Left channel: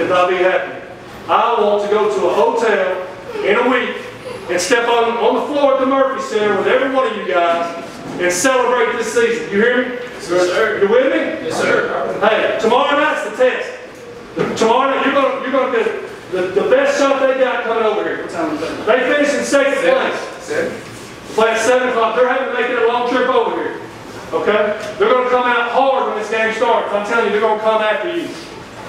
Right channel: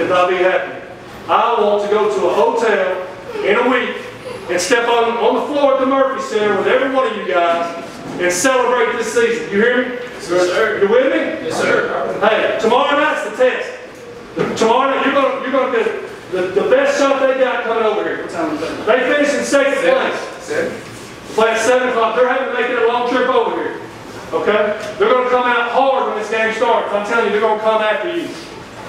could not be happier. I want to go to a hotel in a week and step on the floor at the Murphy Center with every one of you guys and celebrate this season. You hear me? Yes, sir. You with me? Yes, sir. Hey, tomorrow night's the test. Tomorrow night you're gonna get the best shot they got coming over here. What time is that? They finished in second place. 7. Play at 7 o'clock. They're having to make it a long trip over here. Okay? They're going to come out hard when this game starts. I'm telling you, they're going to come after you.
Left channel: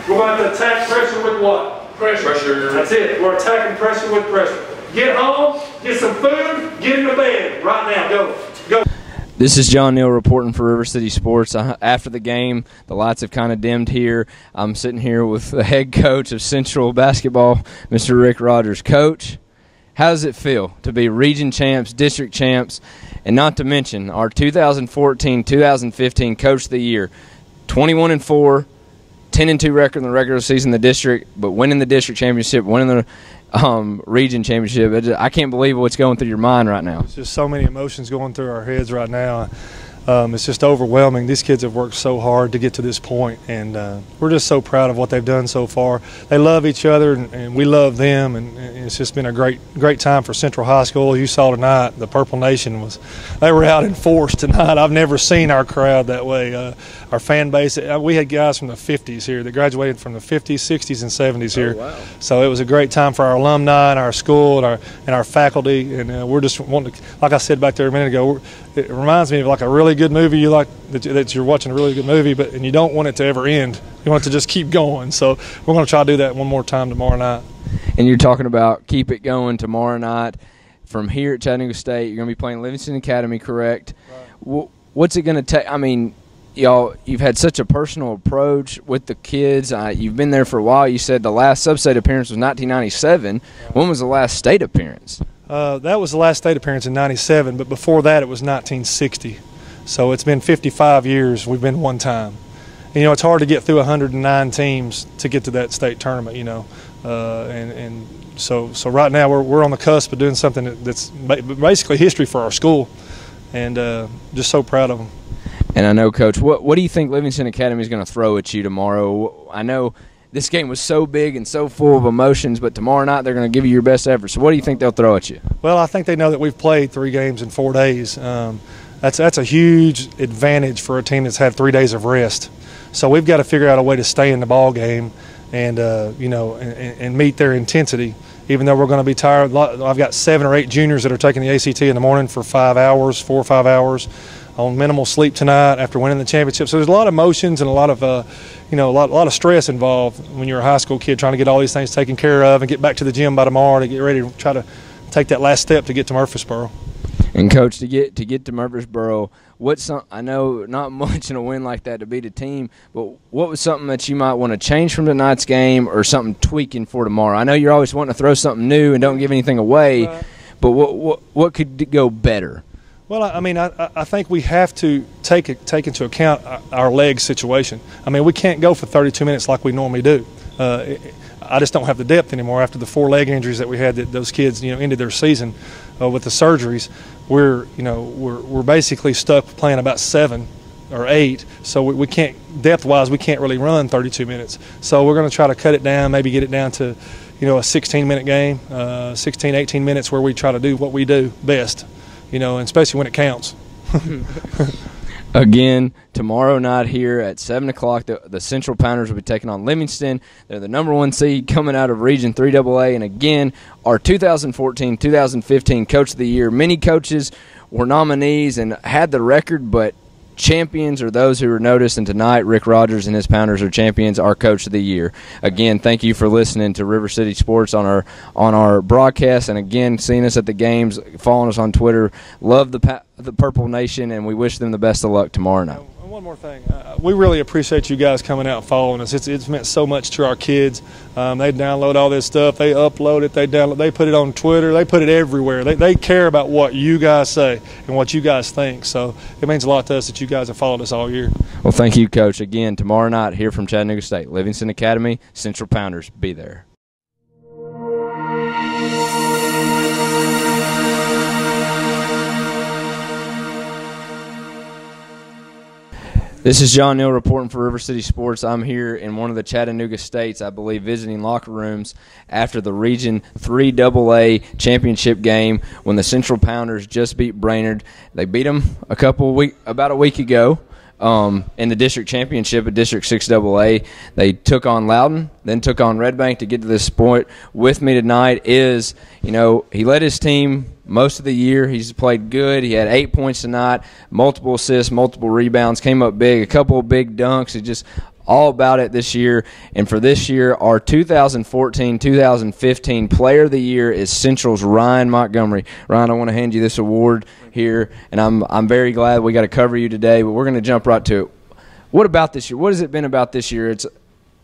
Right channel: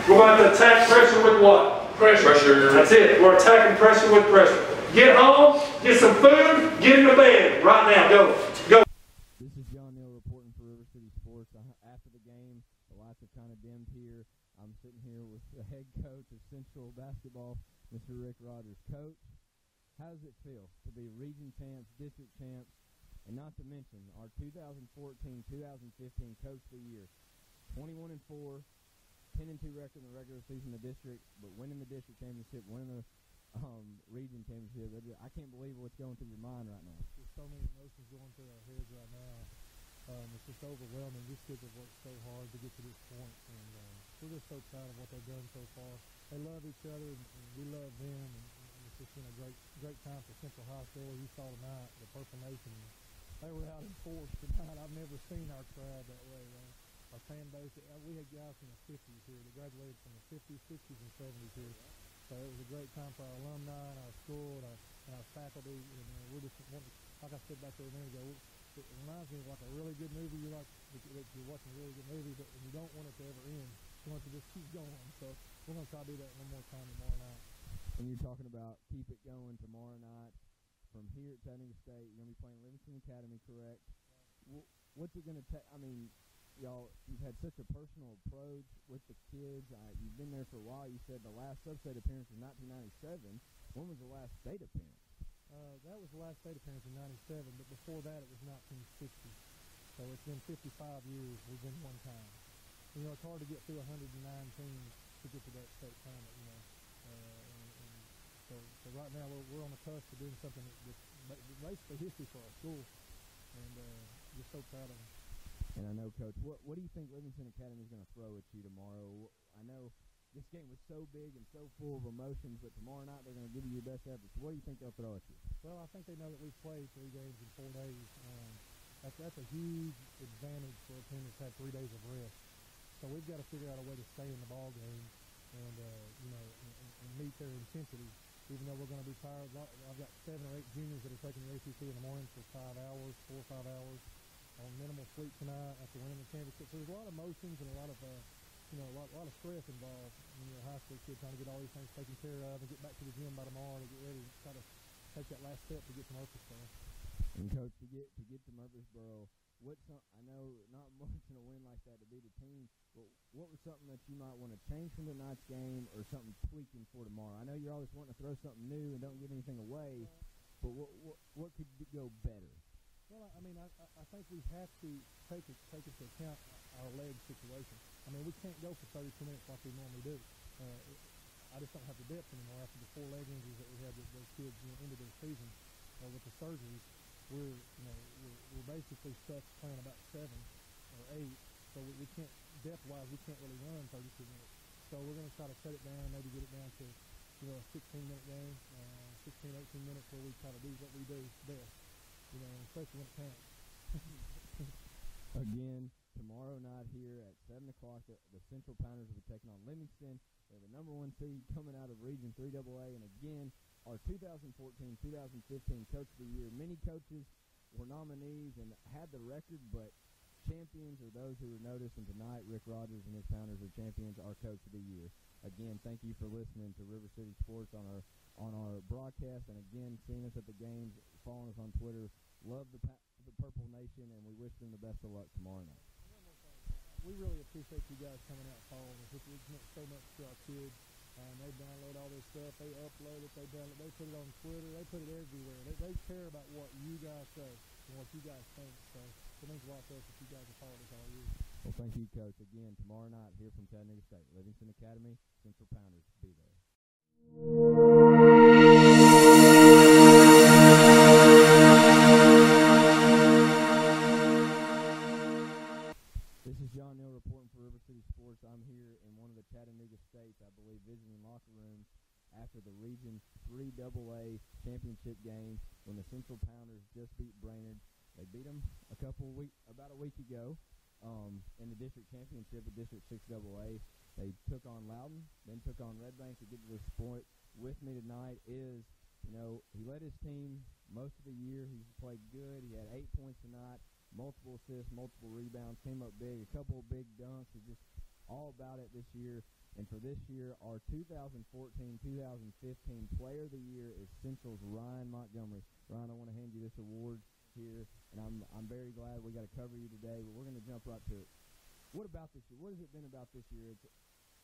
We're going to have to attack pressure with what? Pressure. That's it. We're attacking pressure with pressure. Get home, get some food, get into bed right now. Go. Go. This is John Neal reporting for River City Sports. After the game, the lights have kind of dimmed here. I'm sitting here with the head coach of Central Basketball, Mr. Rick Rogers. Coach, how does it feel to be region champs, district champs, and not to mention our 2014-2015 Coach of the Year, 21-4, 10-2 record in the regular season in the district, but winning the district championship, winning the region championship. I can't believe what's going through your mind right now. It's just so many emotions going through our heads right now. It's just overwhelming. These kids have worked so hard to get to this point, and we're just so proud of what they've done so far. They love each other, and we love them, and it's just been a great time for Central High School. You saw tonight, the Purple Nation they were out in force tonight. I've never seen our crowd that way. Our fan base, we had guys from the 50s here that graduated from the 50s, 60s, and 70s here. Oh, wow. So it was a great time for our alumni and our school and our faculty, and we're just wanting to, like I said back there a minute ago, it reminds me of like a really good movie. You like that you're watching a really good movie, and you don't want it to ever end. You want it to just keep going. So we're going to try to do that one more time tomorrow night. And you're talking about keep it going tomorrow night. From here at Chattanooga State, you're going to be playing Livingston Academy, correct? Right. What's it going to take? I mean, y'all, you've had such a personal approach with the kids. You've been there for a while. You said the last sub-state appearance was 1997. Right. When was the last state appearance? That was the last state appearance in 97, but before that it was 1960. So it's been 55 years we've been one time. And, you know, it's hard to get through 109 teams to get to that state tournament, you know. So right now we're on the cusp of doing something that's basically history for our school, and just so proud of them. And I know, Coach, what do you think Livingston Academy is going to throw at you tomorrow? I know this game was so big and so full of emotions, but tomorrow night they're going to give you your best effort. So what do you think they'll throw at you? Well, I think they know that we've played 3 games in 4 days. That's a huge advantage for a team that's had 3 days of rest. So we've got to figure out a way to stay in the ball game and and meet their intensity. Even though we're going to be tired, I've got 7 or 8 juniors that are taking the ACT in the morning for 4 or 5 hours, on minimal sleep tonight after winning the championship. So there's a lot of emotions and a lot of a lot of stress involved when you're a high school kid trying to get all these things taken care of and get back to the gym by tomorrow to get ready to try to take that last step to get to Murfreesboro. And Coach, to get to Murfreesboro, I know not much in a win like that to beat a team, but what was something that you might want to change from tonight's game or something tweaking for tomorrow? I know you're always wanting to throw something new and don't give anything away, right. But what could go better? Well, I mean, I think we have to take into account our leg situation. I mean, we can't go for 32 minutes like we normally do. I just don't have the depth anymore after the 4 leg injuries that we had. That those kids, ended their season with the surgeries. We're basically stuck playing about 7 or 8. So we can't, depth-wise, we can't really run 32 minutes. So we're going to try to cut it down, maybe get it down to, a 16-minute game, 16, 18 minutes where we try to do what we do best. And especially when it counts. Again, tomorrow night here at 7 o'clock, the Central Pounders will be taking on Livingston. They're the #1 seed coming out of Region 3AA. And again, our 2014-2015 Coach of the Year. Many coaches were nominees and had the record, but champions are those who are noticed, and tonight Rick Rogers and his Pounders are champions, our Coach of the Year. Again, thank you for listening to River City Sports on our broadcast, and again, seeing us at the games, following us on Twitter. Love the Purple Nation, and we wish them the best of luck tomorrow night. One more thing. We really appreciate you guys coming out and following us. It's meant so much to our kids. They download all this stuff. They upload it. They put it on Twitter. They put it everywhere. They care about what you guys say and what you guys think. So it means a lot to us that you guys have followed us all year. Well, thank you, Coach. Again, tomorrow night here from Chattanooga State, Livingston Academy, Central Pounders. Be there. This is John Neal reporting for River City Sports. I'm here in one of the Chattanooga States, I believe, visiting locker rooms after the Region 3 AA championship game when the Central Pounders just beat Brainerd. They beat them about a week ago in the district championship at District 6 AA. They took on Loudon, then took on Red Bank to get to this point. With me tonight is, he led his team most of the year. He's played good. He had 8 points tonight, multiple assists, multiple rebounds, came up big, a couple of big dunks. It's just all about it this year. And for this year, our 2014-2015 Player of the Year is Central's Ryan Montgomery. Ryan, I want to hand you this award here, and I'm very glad we got to cover you today, but we're going to jump right to it. What about this year? What has it been about this year?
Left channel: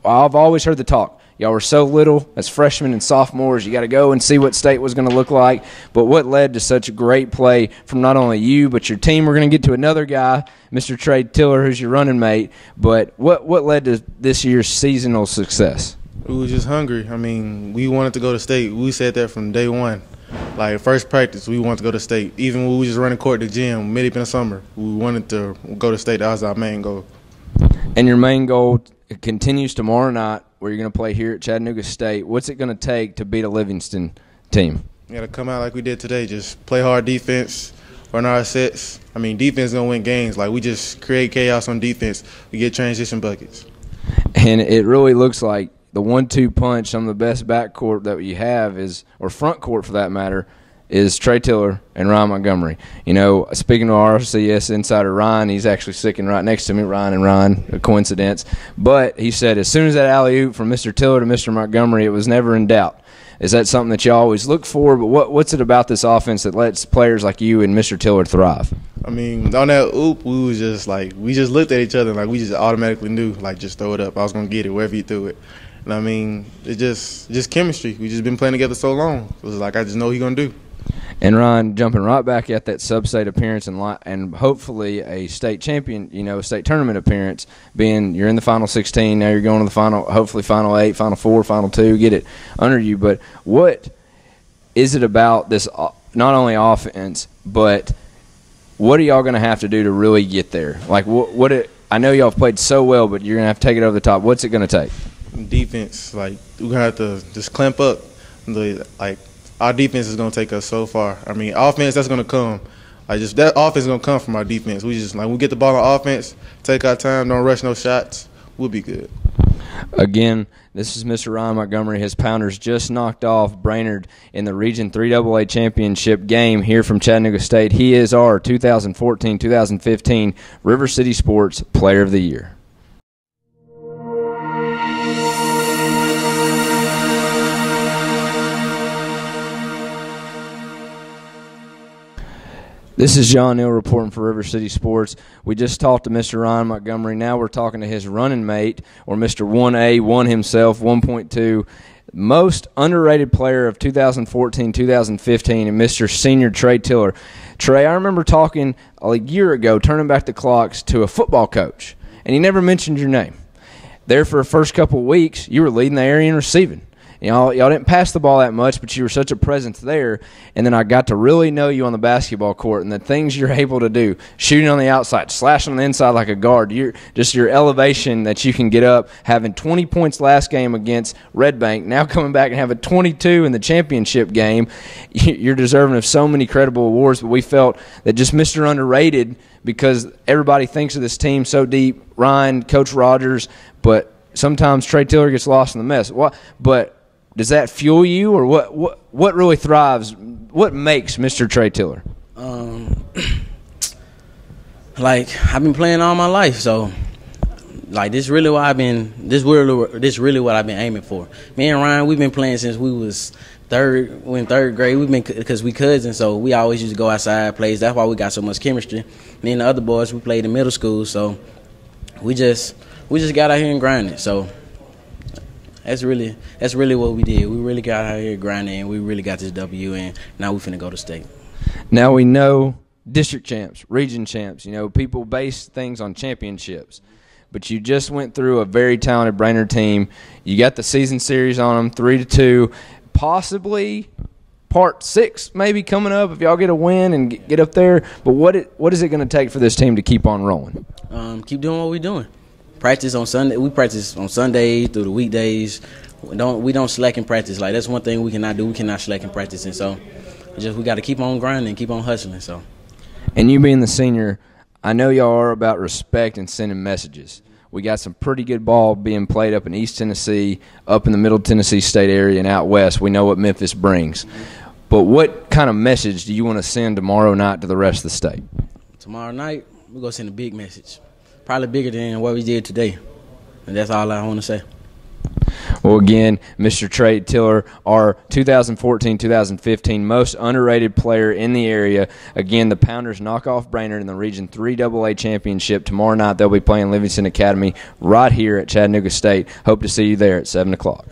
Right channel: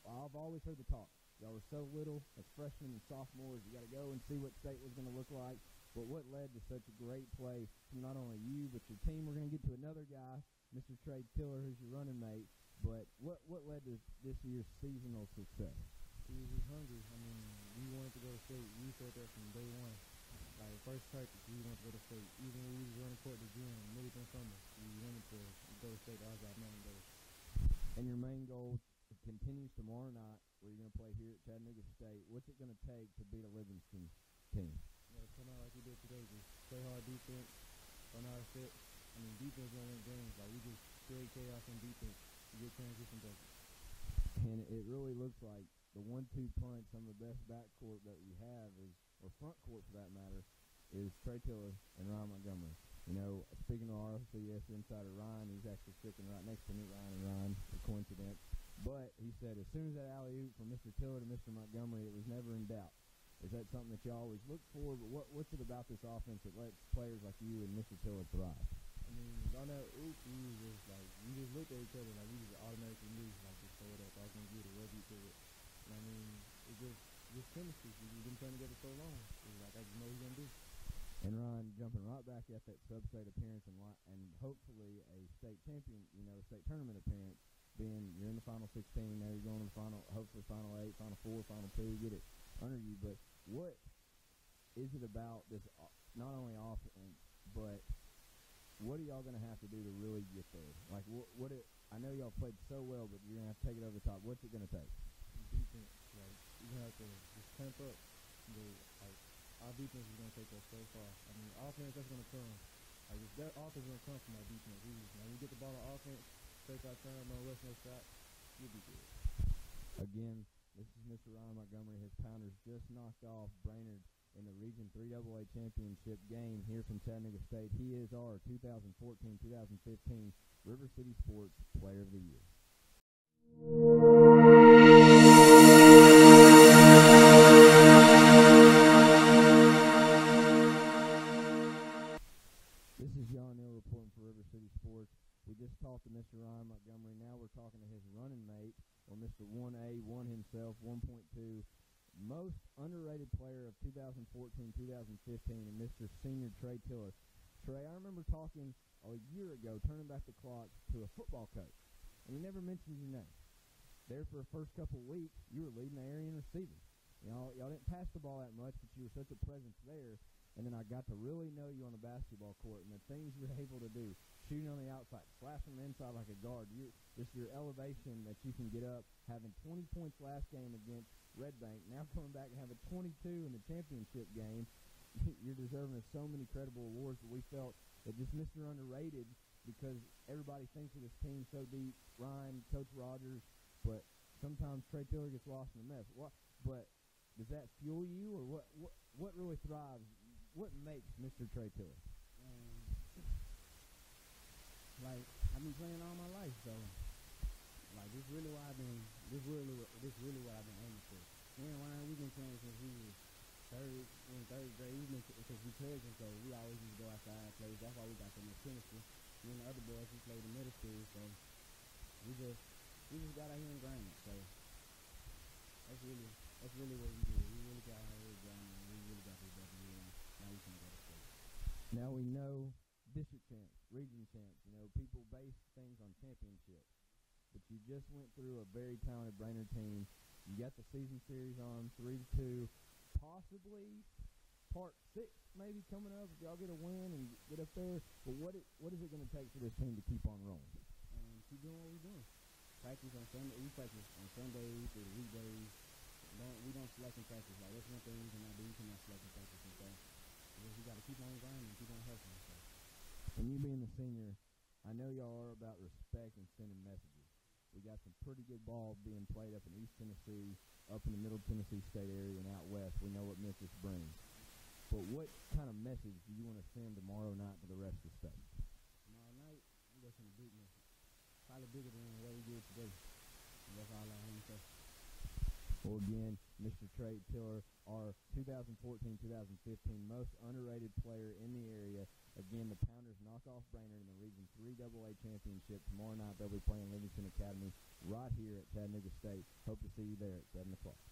I've always heard the talk. Y'all were so little as freshmen and sophomores. You got to go and see what state was going to look like. But what led to such great play from not only you but your team? We're going to get to another guy, Mr. Trey Tiller, who's your running mate. But what led to this year's seasonal success? We were just hungry. I mean, we wanted to go to state. We said that from day one. Like, first practice, we wanted to go to state. Even when we were just running court at the gym, mid in the summer, we wanted to go to state. That was our main goal. And your main goal continues tomorrow night, where you're going to play here at Chattanooga State. What's it going to take to beat a Livingston team? We got to come out like we did today, just play hard defense, run our sets. I mean, defense is going to win games. Like, we just create chaos on defense. We get transition buckets. And it really looks like the 1-2 punch on the best backcourt that you have is, or front court for that matter, is Trey Tiller and Ryan Montgomery. Speaking to our RCS insider Ryan, he's actually sitting right next to me, Ryan, a coincidence. But he said as soon as that alley-oop from Mr. Tiller to Mr. Montgomery, it was never in doubt. Is that something that you always look for? But what's it about this offense that lets players like you and Mr. Tiller thrive? I mean, on that oop, we just looked at each other like we just automatically knew, like, just throw it up. I was going to get it wherever you threw it. And, I mean, it's just chemistry. We just been playing together so long. It was like I just know what he's going to do. And Ryan, jumping right back at that sub-state appearance and hopefully a state champion, a state tournament appearance, being you're in the Final 16, now you're going to the final, hopefully Final 8, Final 4, Final 2, get it under you. But what is it about this, not only offense, but what are y'all going to have to do to really get there? Like, I know y'all have played so well, but you're going to have to take it over the top. What's it going to take? Defense. Like, we're going to have to just clamp up. Our defense is going to take us so far. I mean, offense, that's going to come. That offense is going to come from our defense. We get the ball on offense, take our time, don't rush no shots, we'll be good. Again, this is Mr. Ryan Montgomery. His Pounders just knocked off Brainerd in the Region 3 AA championship game here from Chattanooga State. He is our 2014-2015 River City Sports Player of the Year. This is John Neal reporting for River City Sports. We just talked to Mr. Ryan Montgomery. Now we're talking to his running mate, or Mr. 1A, one himself, 1.2, most underrated player of 2014-2015, and Mr. Senior Trey Tiller. Trey, I remember talking a year ago, turning back the clocks, to a football coach, and he never mentioned your name. There for the first couple of weeks, you were leading the area in receiving. Y'all didn't pass the ball that much, but you were such a presence there. And then I got to really know you on the basketball court and the things you're able to do, shooting on the outside, slashing on the inside like a guard, your elevation that you can get up, having 20 points last game against Red Bank, now coming back and having 22 in the championship game. You're deserving of so many credible awards, but we felt that just Mr. Underrated, because everybody thinks of this team so deep, Ryan, Coach Rogers, but sometimes Trey Tiller gets lost in the mess. But does that fuel you, or what really thrives? What makes Mr. Trey Tiller? I've been playing all my life, so this really what I've been aiming for. Me and Ryan, we've been playing since we was in third grade. We've been, because we cousins, so we always used to go outside plays. That's why we got so much chemistry. Me and the other boys, we played in middle school, so we just got out here and grinded. So that's really what we did. We really got out here grinding, and we really got this W, and now we finna go to state. Now we know district champs, region champs. People base things on championships. But you just went through a very talented Brainerd team. You got the season series on them, 3-2. Possibly part 6 maybe coming up if y'all get a win and get up there. But what is it going to take for this team to keep on rolling? Keep doing what we're doing. Practice on Sunday. We practice on Sundays through the weekdays. We don't slack in practice. Like, that's one thing we cannot do. We cannot slack in practice, and so we got to keep on grinding, keep on hustling. So, and you being the senior, I know y'all are about respect and sending messages. We got some pretty good ball being played up in East Tennessee, up in the Middle Tennessee State area, and out west. We know what Memphis brings. But what kind of message do you want to send tomorrow night to the rest of the state? Tomorrow night, we're going to send a big message, probably bigger than what we did today. And that's all I want to say. Well, again, Mr. Trey Tiller, our 2014-2015 most underrated player in the area. Again, the Pounders knock off Brainerd in the Region 3 AA championship. Tomorrow night they'll be playing Livingston Academy right here at Chattanooga State. Hope to see you there at 7 o'clock.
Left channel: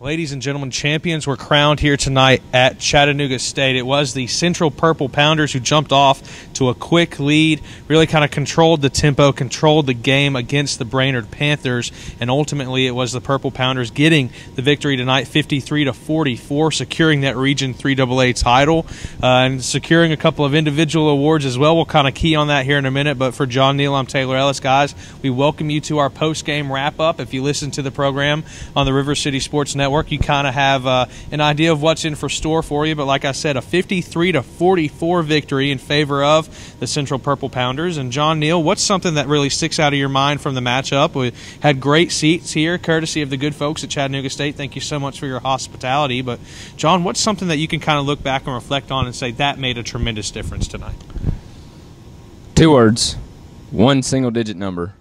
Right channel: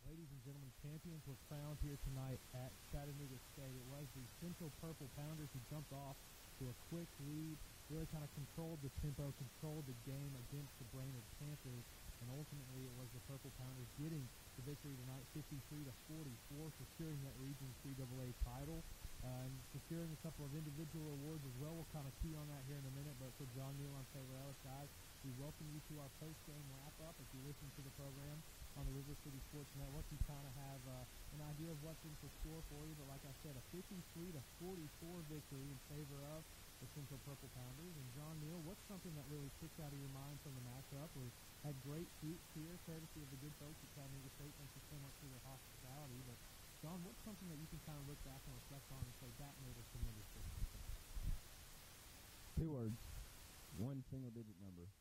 Ladies and gentlemen, champions were crowned here tonight at Chattanooga State. It was the Central Purple Pounders who jumped off to a quick lead, really kind of controlled the tempo, controlled the game against the Brainerd Panthers, and ultimately it was the Purple Pounders getting the victory tonight, 53-44, securing that Region 3 AA title and securing a couple of individual awards as well. We'll kind of key on that here in a minute, but for John Neal, I'm Taylor Ellis. Guys, we welcome you to our post-game wrap-up. If you listen to the program on the River City Sports Network, you kind of have an idea of what's in for store for you. But like I said, a 53-44 victory in favor of the Central Purple Pounders. And John Neal, what's something that really sticks out of your mind from the matchup? We had great seats here, courtesy of the good folks at Chattanooga State. Thank you so much for your hospitality. But John, what's something that you can kind of look back and reflect on and say that made a tremendous difference tonight? 2 words, 1 single-digit number.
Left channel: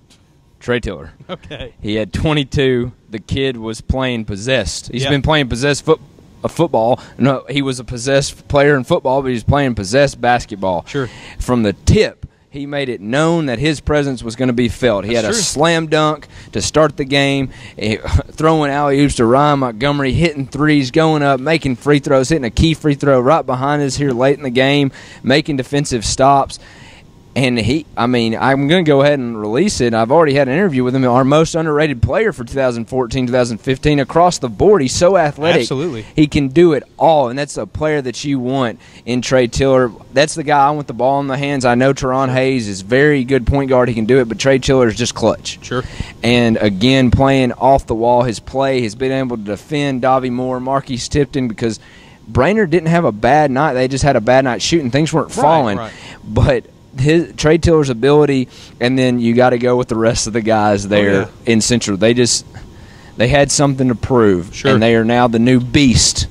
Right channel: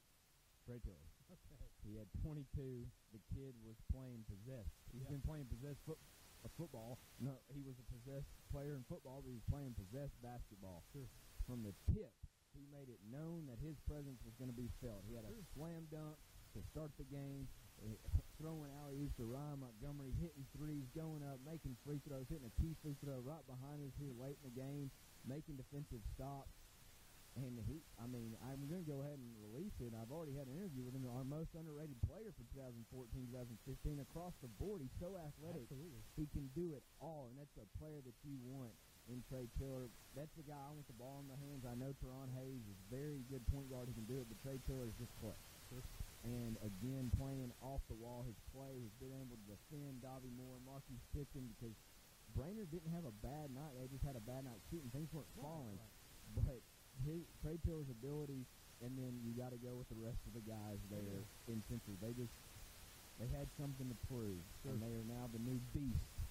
Trey Tiller. Okay. He had 22. The kid was playing possessed. He's Yep. been playing possessed football. No, he was a possessed player in football, but he's playing possessed basketball. Sure. From the tip, he made it known that his presence was going to be felt. He had a slam dunk to start the game, throwing alley-oops to Ryan Montgomery, hitting threes, going up, making free throws, hitting a key free throw right behind us here late in the game, making defensive stops. And I'm going to go ahead and release it. I've already had an interview with him, our most underrated player for 2014-2015 across the board. He's so athletic. Absolutely. He can do it all, and that's a player that you want in Trey Tiller. That's the guy I want the ball in the hands. I know Teron Hayes is very good point guard. He can do it, but Trey Tiller is just clutch. Sure. And, again, playing off the wall, his play has been able to defend Davie Moore, Marquise Tipton, because Brainerd didn't have a bad night. They just had a bad night shooting. Things weren't falling. Right. But Trey Tiller's ability, and then you got to go with the rest of the guys there in Central. They had something to prove, and they are now the new beast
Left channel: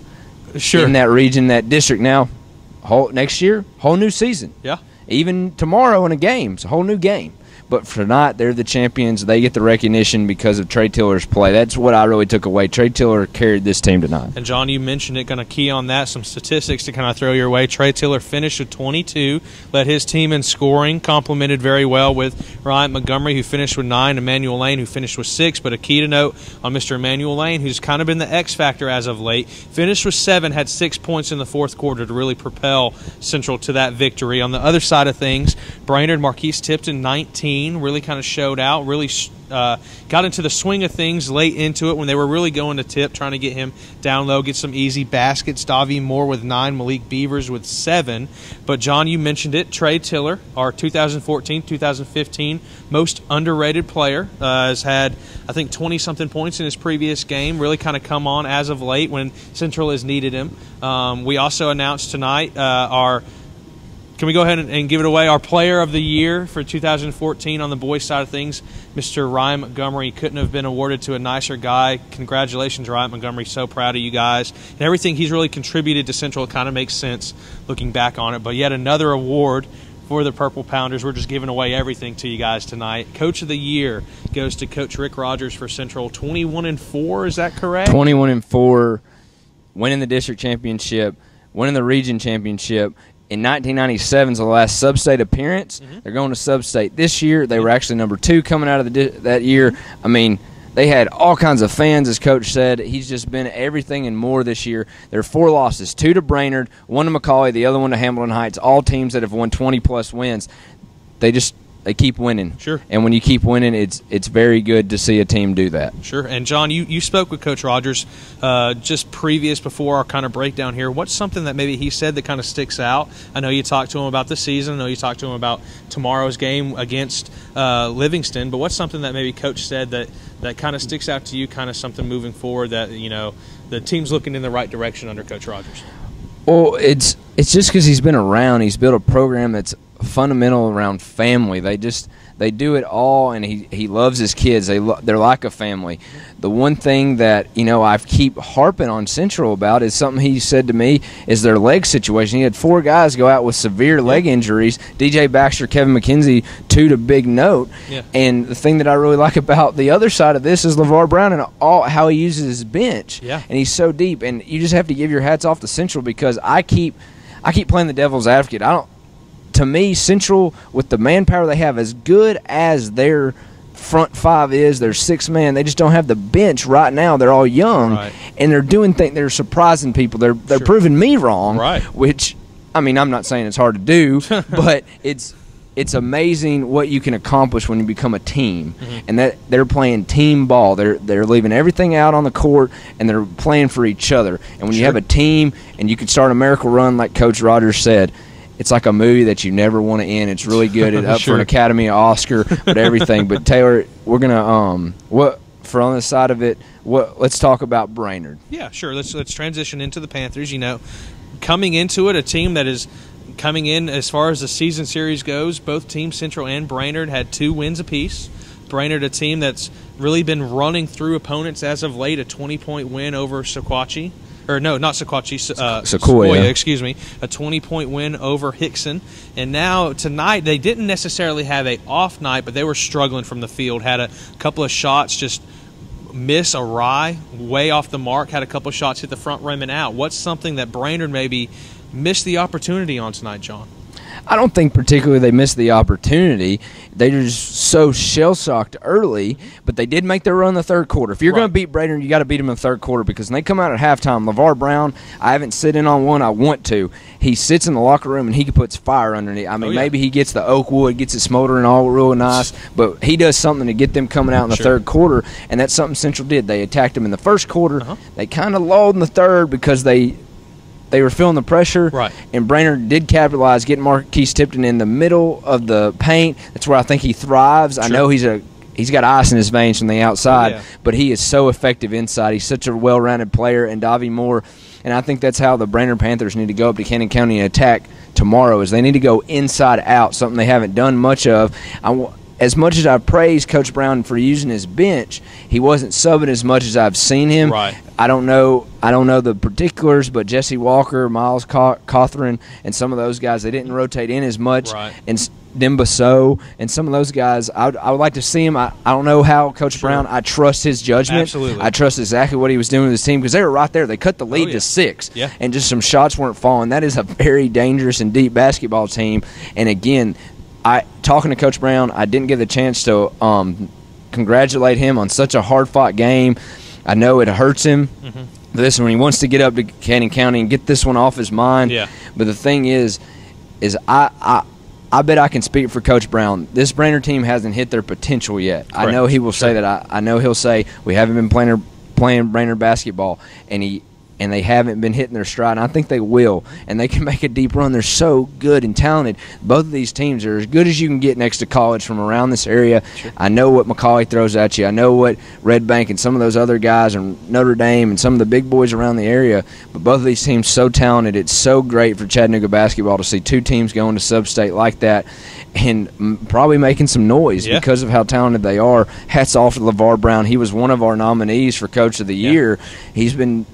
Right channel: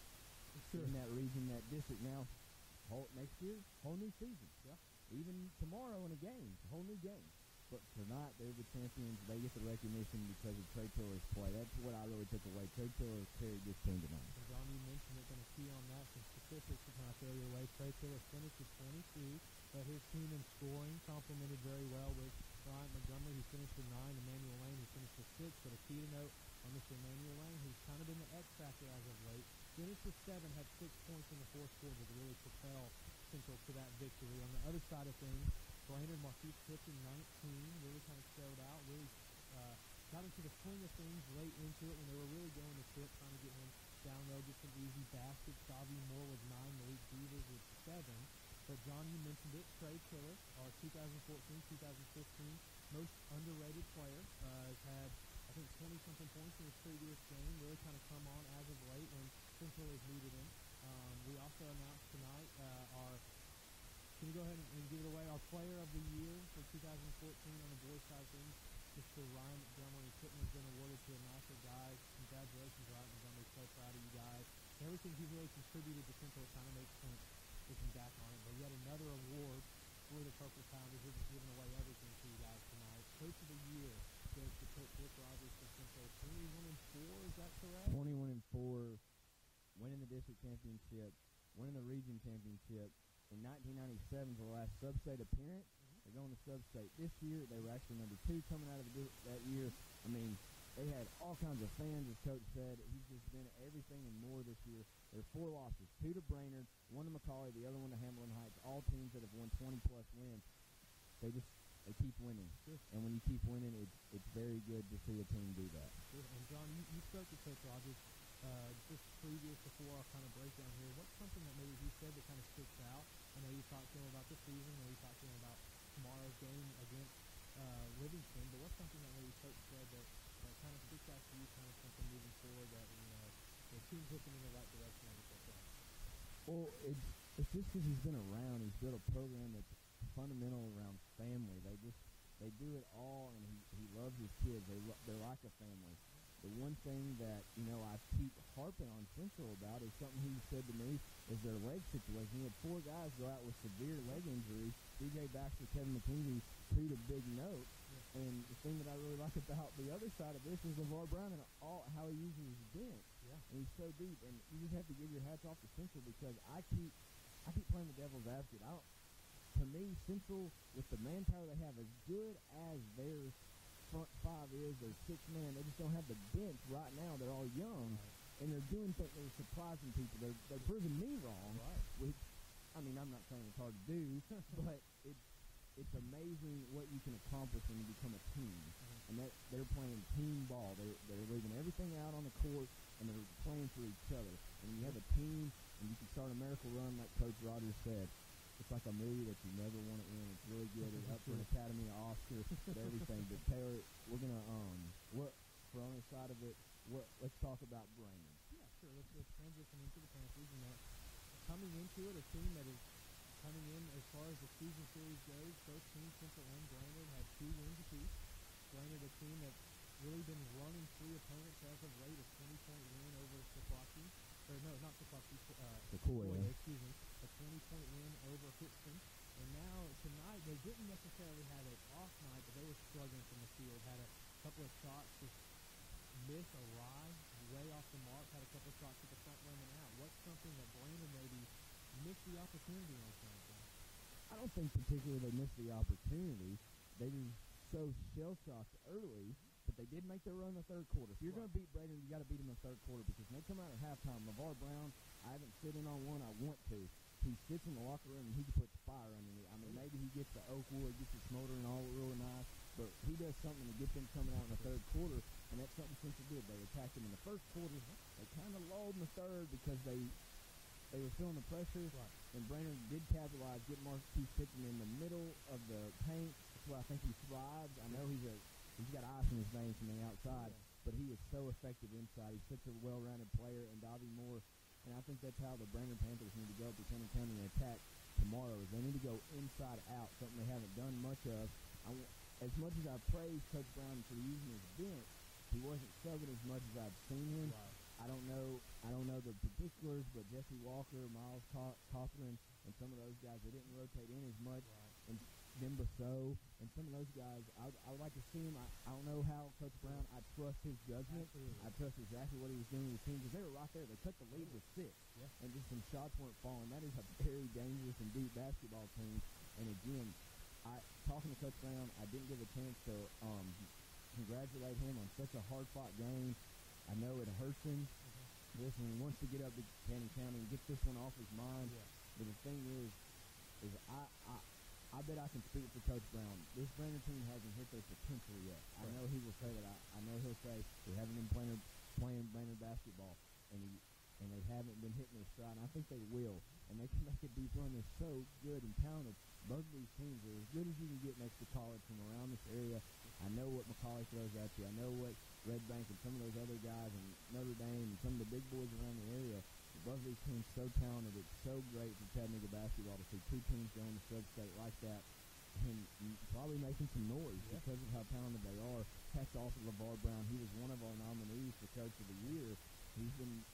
in that region, that district. Now, next year, whole new season. Yeah. Even tomorrow in a game, it's a whole new game. But for tonight, they're the champions. They get the recognition because of Trey Tiller's play. That's what I really took away. Trey Tiller carried this team tonight. And, John, you mentioned it, going to key on that, some statistics to kind of throw your way. Trey Tiller finished with 22, led his team in scoring, complemented very well with Ryan Montgomery, who finished with 9, Emmanuel Lane, who finished with 6. But a key to note on Mr. Emmanuel Lane, who's kind of been the X factor as of late, finished with 7, had 6 points in the fourth quarter to really propel Central to that victory. On the other side of things, Brainerd, Marquise Tipton, 19, really kind of showed out, really got into the swing of things late into it when they were really going to Tip, trying to get him down low, get some easy baskets. Davie Moore with 9, Malik Beavers with 7. But, John, you mentioned it, Trey Tiller, our 2014-2015 most underrated player, has had, I think, 20-something points in his previous game, really kind of come on as of late when Central has needed him. We also announced tonight can we go ahead and give it away? Our player of the year for 2014 on the boys' side of things, Mr. Ryan Montgomery. Couldn't have been awarded to a nicer guy. Congratulations, Ryan Montgomery. So proud of you guys. And everything he's really contributed to Central kind of makes sense looking back on it. But yet another award for the Purple Pounders. We're just giving away everything to you guys tonight. Coach of the year goes to Coach Rick Rogers for Central. 21-4, is that correct? 21-4, winning the district championship, winning the region championship. In 1997's the last sub-state appearance. They're going to sub-state this year. They were actually number 2 coming out of that year. I mean, they had all kinds of fans, as Coach said. He's just been everything and more this year. There are 4 losses, 2 to Brainerd, 1 to McCauley, the other one to Hamilton Heights, all teams that have won 20-plus wins. They just they keep winning. Sure. And when you keep winning, it's very good to see a team do that. Sure. And, John, you spoke with Coach Rogers just before our kind of breakdown here. What's something that maybe he said that kind of sticks out? I know you talked to him about the season. I know you talked to him about tomorrow's game against Livingston. But what's something that maybe Coach said that kind of sticks out to you, kind of something moving forward that, the team's looking in the right direction under Coach Rogers? Well, it's just because he's been around. He's built a program that's fundamental around family. They do it all, and he loves his kids. They're like a family. The one thing that I keep harping on Central about is something he said to me is their leg situation. He had 4 guys go out with severe leg injuries. DJ Baxter, Kevin McKenzie, 2 to big note. Yeah. And the thing that I really like about the other side of this is LeVar Brown and how he uses his bench. Yeah. And he's so deep. And you just have to give your hats off to Central because I keep playing the devil's advocate. To me, Central, with the manpower they have, as good as their front 5 is, their 6-man, they just don't have the bench right now. They're all young, right. And they're doing things. They're surprising people. They're proving me wrong, right? Which, I'm not saying it's hard to do, but it's amazing what you can accomplish when you become a team, and that they're playing team ball. They're leaving everything out on the court, and they're playing for each other. And when you have a team, and you can start a miracle run, like Coach Rogers said. It's like a movie that you never want to end. It's really good. It's up for an Academy Oscar, but everything. But Taylor, we're gonna on the side of it. Let's talk about Brainerd. Yeah, sure. Let's transition into the Panthers. Coming into it, a team that is coming in as far as the season series goes. Both teams, Central and Brainerd, had 2 wins apiece. Brainerd, a team that's really been running through opponents as of late. A 20-point win over Sequatchie. Or no, not Sequatchie, Sequoia, excuse me. A 20-point win over Hickson. And now tonight they didn't necessarily have a off night, but they were struggling from the field. Had a couple of shots just miss awry, way off the mark. Had a couple of shots hit the front rim and out. What's something that Brainerd maybe missed the opportunity on tonight, John? I don't think particularly they missed the opportunity. They were just so shell-shocked early, but they did make their run in the third quarter. If you're going to beat Brainerd, you got to beat them in the third quarter because when they come out at halftime, LeVar Brown, I haven't sit in on one. I want to. He sits in the locker room and he puts fire underneath. Maybe he gets the oak wood, gets it smoldering all real nice, but he does something to get them coming out in the third quarter, and that's something Central did. They attacked them in the first quarter. They kind of lulled in the third because they were feeling the pressure, right. And Brainerd did capitalize, getting Marquise Tipton in the middle of the paint. That's where I think he thrives. Sure. I know he's got ice in his veins from the outside, but he is so effective inside. He's such a well-rounded player, and Davie Moore, and I think that's how the Brainerd Panthers need to go up to Cannon County and attack tomorrow, is they need to go inside out, something they haven't done much of. As much as I praise Coach Brown for using his bench, he wasn't subbing as much as I've seen him. Right. I don't know the particulars, but Jesse Walker, Miles Cawthron, and some of those guys, they didn't rotate in as much. Right. And Demba So and some of those guys, I would like to see him. I don't know how Coach Brown. I trust his judgment. Absolutely. I trust exactly what he was doing with his team because they were right there. They cut the lead to 6, and just some shots weren't falling. That is a very dangerous and deep basketball team. And again, talking to Coach Brown, I didn't get the chance to congratulate him on such a hard-fought game. I know it hurts him. This when he wants to get up to Cannon County and get this one off his mind. Yeah. But the thing is I bet I can speak for Coach Brown. This Brainerd team hasn't hit their potential yet. Correct. I know he will say that. I know he'll say we haven't been playing Brainerd basketball, and they haven't been hitting their stride. And I think they will, and they can make a deep run. They're so good and talented. Both of these teams are as good as you can get next to college from around this area. Sure. I know what McCauley throws at you. I know what Red Bank and some of those other guys and Notre Dame and some of the big boys around the area. But both of these teams so talented. It's so great for Chattanooga basketball to see 2 teams going to sub-state like that and probably making some noise because of how talented they are. Hats off to LeVar Brown. He was one of our nominees for Coach of the Year. He's been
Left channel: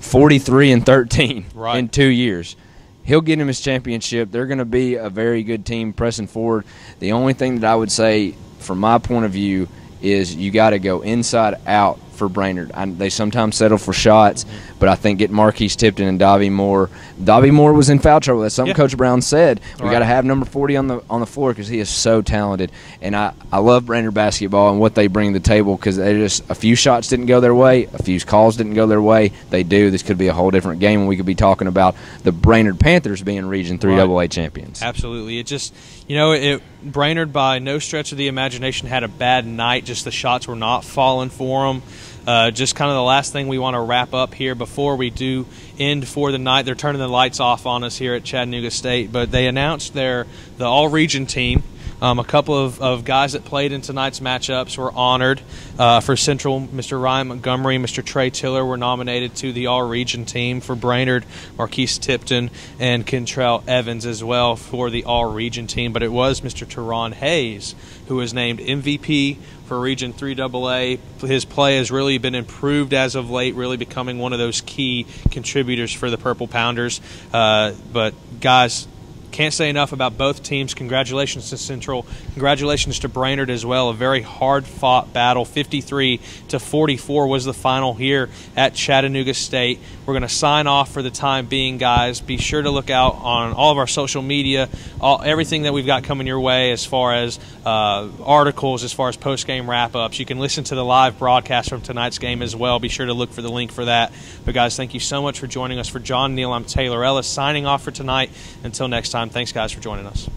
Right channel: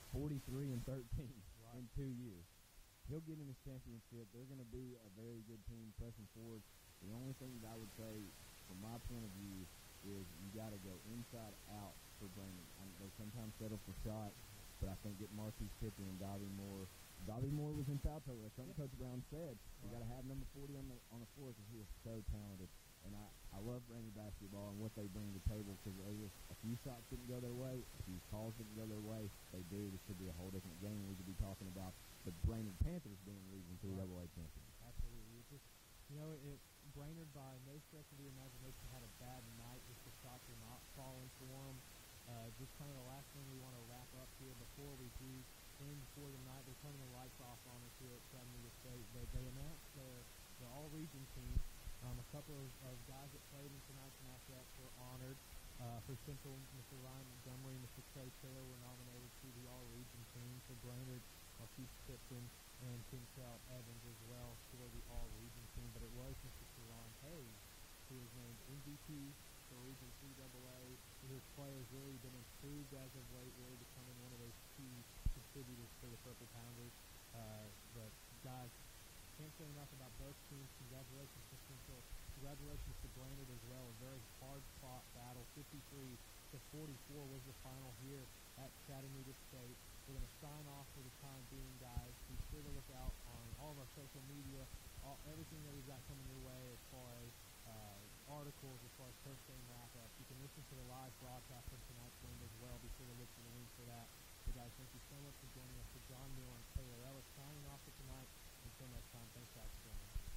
43-13 in 2 years. He'll get him his championship. They're going to be a very good team pressing forward. The only thing that I would say from my point of view is you got to go inside out for Brainerd. They sometimes settle for shots, but I think getting Marquise Tipton and Davie Moore was in foul trouble. That's something Coach Brown said. We got to have number 40 on the floor because he is so talented. And I love Brainerd basketball and what they bring to the table because a few shots didn't go their way, a few calls didn't go their way. They do. This could be a whole different game, and we could be talking about the Brainerd Panthers being Region 3 AA champions. Absolutely. It just, Brainerd by no stretch of the imagination had a bad night. Just the shots were not falling for them. Just kind of the last thing we want to wrap up here before we do end for the night. They're turning the lights off on us here at Chattanooga State, but they announced the all-region team. A couple of guys that played in tonight's matchups were honored. For Central, Mr. Ryan Montgomery, Mr. Trey Tiller were nominated to the all-region team. For Brainerd, Marquise Tipton and Kentrell Evans as well for the all-region team. But it was Mr. Teron Hayes who was named MVP for Region 3 AA. His play has really been improved as of late, really becoming one of those key contributors for the Purple Pounders. But guys, can't say enough about both teams. Congratulations to Central. Congratulations to Brainerd as well. A very hard-fought battle. 53-44 was the final here at Chattanooga State. We're going to sign off for the time being, guys. Be sure to look out on all of our social media, everything that we've got coming your way as far as articles, as far as post-game wrap-ups. You can listen to the live broadcast from tonight's game as well. Be sure to look for the link for that. But, guys, thank you so much for joining us. For John Neal, I'm Taylor Ellis, signing off for tonight. Until next time, thanks, guys, for joining us.